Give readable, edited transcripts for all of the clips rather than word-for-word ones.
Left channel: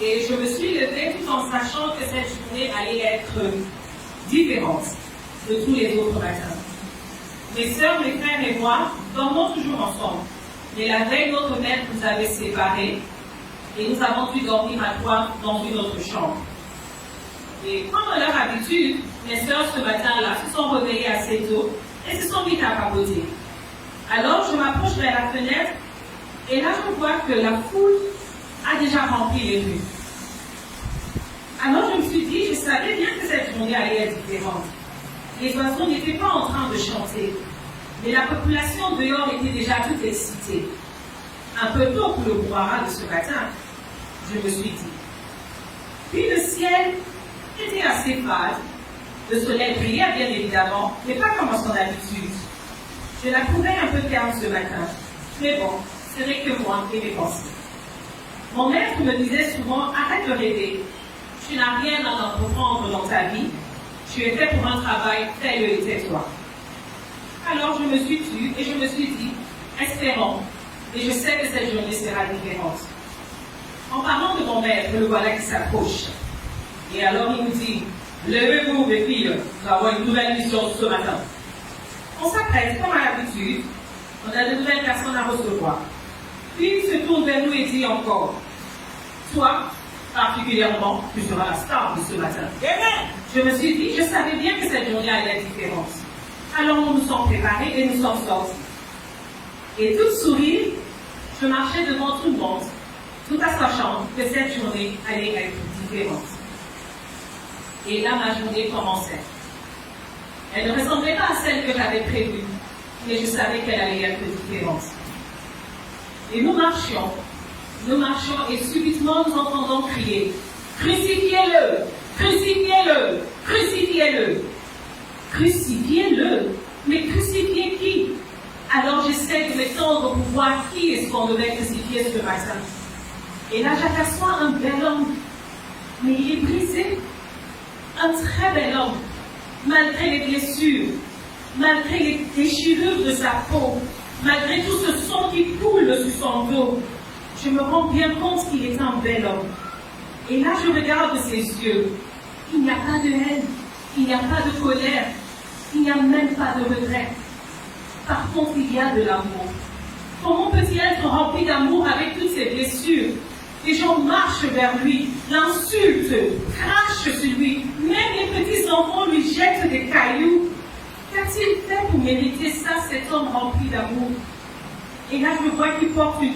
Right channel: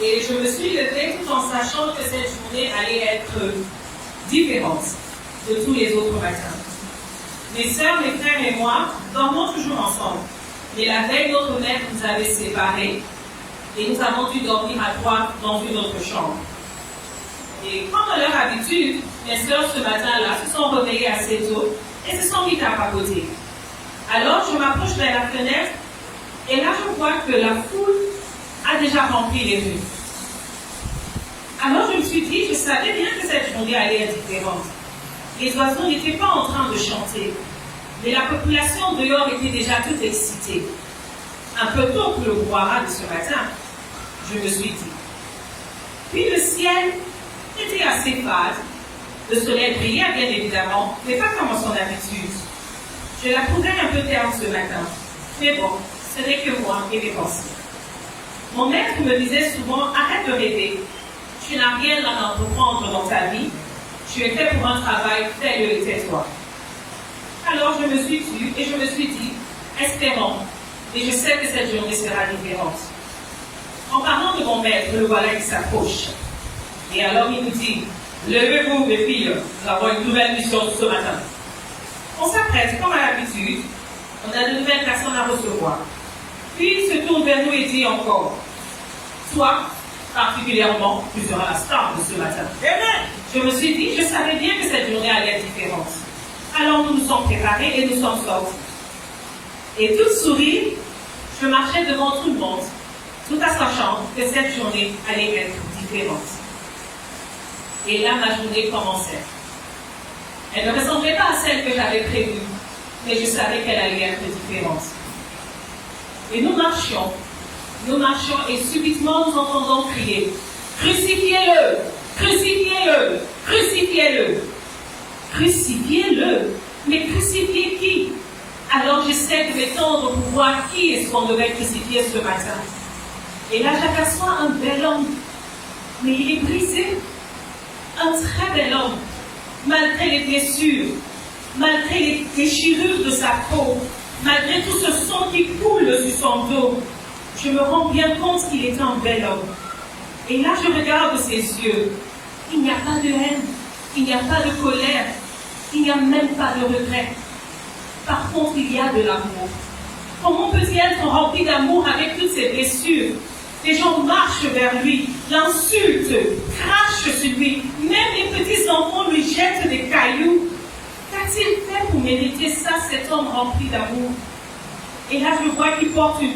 Et je me suis levée tout en sachant que cette journée allait être différente de tous les autres matins. Mes sœurs, mes frères et moi dormons toujours ensemble. Mais la veille, notre mère nous avait séparés et nous avons dû dormir à 3 dans une autre chambre. Et comme à leur habitude, mes sœurs ce matin-là se sont réveillées assez tôt et se sont mises à papoter. Alors je m'approche vers la fenêtre et là je vois que la foule a déjà rempli les rues. Alors je me suis dit, je savais bien que cette journée allait être différente. Les oiseaux n'étaient pas en train de chanter, mais la population dehors était déjà toute excitée. Un peu tôt pour le brouhaha de ce matin, je me suis dit. Puis le ciel était assez fade. Le soleil brillait bien évidemment, mais pas comme à son habitude. Je la trouvais un peu terne ce matin. Mais bon, ce n'est que moi et mes pensées. Mon maître me disait souvent, arrête de rêver. Tu n'as rien à entreprendre dans ta vie. Tu es fait pour un travail, fais-le et tais-toi. Alors je me suis tue et je me suis dit, espérons, et je sais que cette journée sera différente. En parlant de mon maître, le voilà qui s'approche. Et alors il nous dit, levez-vous mes filles, nous avons une nouvelle mission ce matin. On s'apprête comme à l'habitude, on a de nouvelles personnes à recevoir. Puis il se tourne vers nous et dit encore, toi, particulièrement, tu seras la star de ce matin. Je me suis dit, je savais bien que cette journée allait être différente. Alors nous nous sommes préparés et nous sommes sortis. Et tout sourire, je marchais devant tout le monde, tout en sachant que cette journée allait être différente. Et là, ma journée commençait. Elle ne ressemblait pas à celle que j'avais prévue, mais je savais qu'elle allait être différente. Et nous marchions et subitement nous entendons crier « Crucifiez-le! Crucifiez-le! Crucifiez-le !» Crucifiez-le! Mais crucifiez qui? Alors j'essaie de m'étendre pour voir qui est-ce qu'on devait crucifier ce matin. Et là j'aperçois un bel homme, mais il est brisé. Un très bel homme, malgré les blessures, malgré les déchirures de sa peau, malgré tout ce sang qui coule sur son dos. Je me rends bien compte qu'il est un bel homme. Et là, je regarde ses yeux. Il n'y a pas de haine, il n'y a pas de colère, il n'y a même pas de regret. Par contre, il y a de l'amour. Comment peut-il être rempli d'amour avec toutes ces blessures? Les gens marchent vers lui, l'insultent, crachent sur lui. Même les petits enfants lui jettent des cailloux. Qu'a-t-il fait pour mériter ça, cet homme rempli d'amour? Et là, je vois qu'il porte une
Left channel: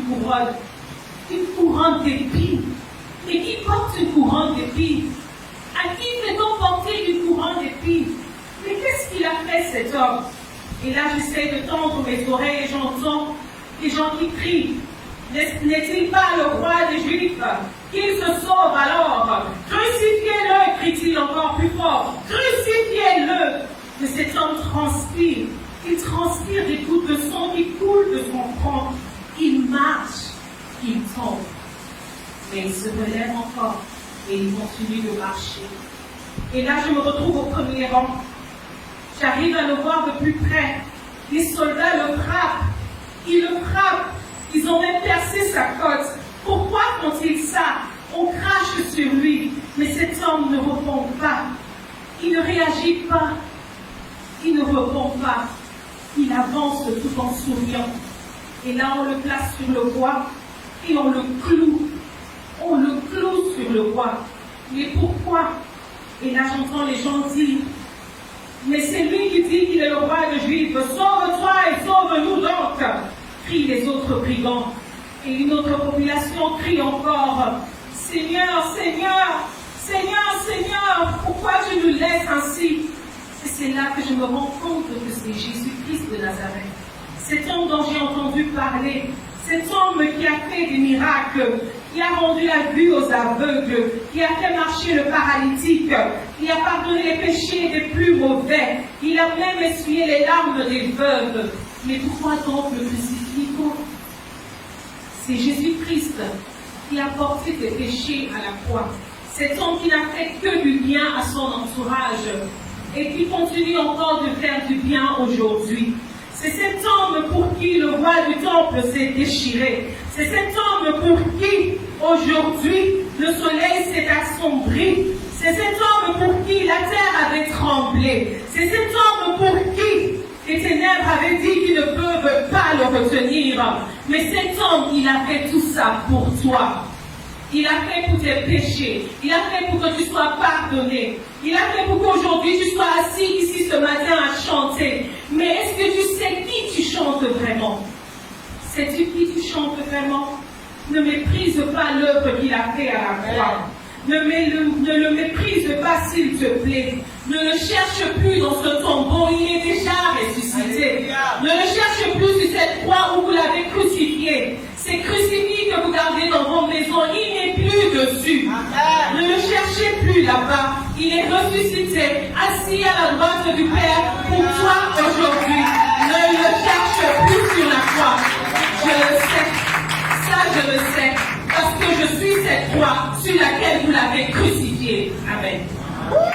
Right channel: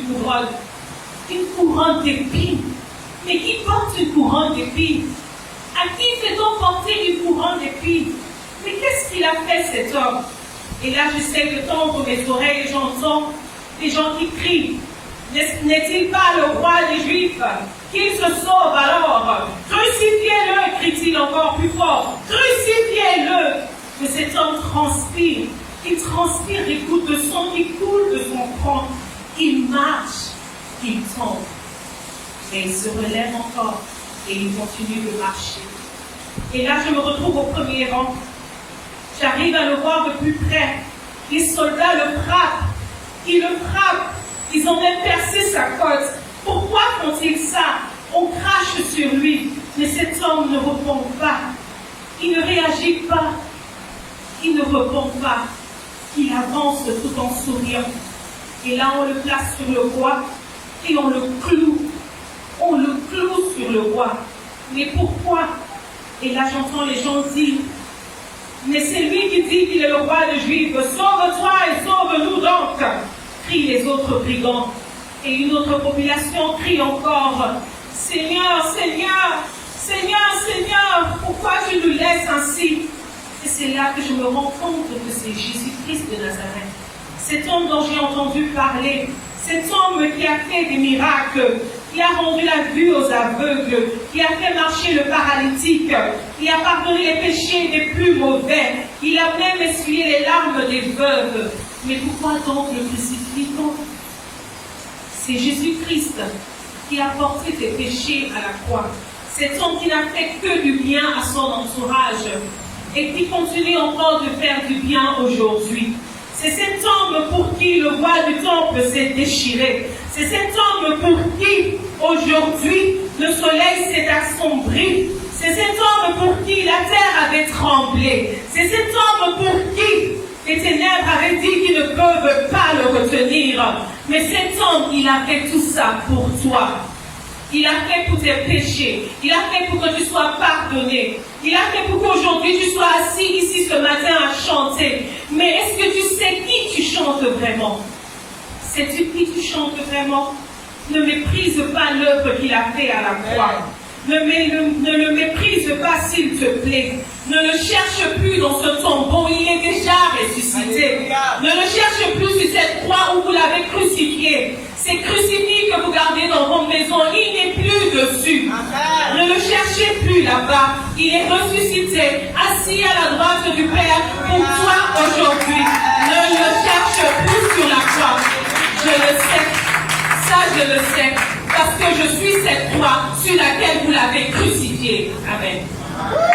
couronne d'épines. Mais qui porte une couronne d'épines? À qui fait-on porter une couronne d'épines? Mais qu'est-ce qu'il a fait, cet homme? Et là, j'essaie de tendre mes oreilles et j'entends des gens qui crient. N'est-il pas le roi des Juifs? Qu'il se sauve alors. Crucifiez-le, crie-t-il encore plus fort. Crucifiez-le. Mais cet homme transpire. Il transpire des gouttes de sang qui coulent de son front. Il marche, il tombe. Mais il se relève encore et il continue de marcher. Et là, je me retrouve au premier rang. J'arrive à le voir de plus près. Les soldats le frappent. Ils le frappent. Ils ont même percé sa côte. Pourquoi font-ils ça? On crache sur lui. Mais cet homme ne répond pas. Il ne réagit pas. Il ne répond pas. Il avance tout en souriant. Et là, on le place sur le bois et on le cloue. On le cloue sur le bois. Mais pourquoi? Et là, j'entends les gens dire, mais c'est lui qui dit qu'il est le roi des Juifs. Sauve-toi et sauve-nous donc, crient les autres brigands. Et une autre population crie encore, Seigneur, Seigneur, Seigneur, Seigneur, pourquoi tu nous laisses ainsi? Et c'est là que je me rends compte que c'est Jésus-Christ de Nazareth. Cet homme dont j'ai entendu parler, cet homme qui a fait des miracles, qui a rendu la vue aux aveugles, qui a fait marcher le paralytique, qui a pardonné les péchés des plus mauvais, il a même essuyé les larmes des veuves. Mais pourquoi donc le crucifions? C'est Jésus-Christ qui a porté tes péchés à la croix. Cet homme qui n'a fait que du bien à son entourage et qui continue encore de faire du bien aujourd'hui. C'est cet homme pour qui le voile du temple s'est déchiré. C'est cet homme pour qui, aujourd'hui, le soleil s'est assombrie. C'est cet homme pour qui la terre avait tremblé. C'est cet homme pour qui les ténèbres avaient dit qu'ils ne peuvent pas le retenir. Mais cet homme, il a fait tout ça pour toi. Il a fait pour tes péchés. Il a fait pour que tu sois pardonné. Il a fait pour qu'aujourd'hui tu sois assis ici ce matin à chanter. Mais est-ce que tu sais qui tu chantes vraiment? Sais-tu qui tu chantes vraiment? Ne méprise pas l'œuvre qu'il a fait à la croix. Ne le méprise pas s'il te plaît. Ne le cherche plus dans ce tombeau, il est déjà ressuscité. Ne le cherche plus sur cette croix où vous l'avez crucifié. Ces crucifix que vous gardez dans vos maisons, il n'est plus dessus. Ne le cherchez plus là-bas. Il est ressuscité, assis à la droite du Père pour toi aujourd'hui. Ne le cherche plus sur la croix. Je le sais. Ça, je le sais. Parce que je suis cette croix sur laquelle vous l'avez crucifié. Amen.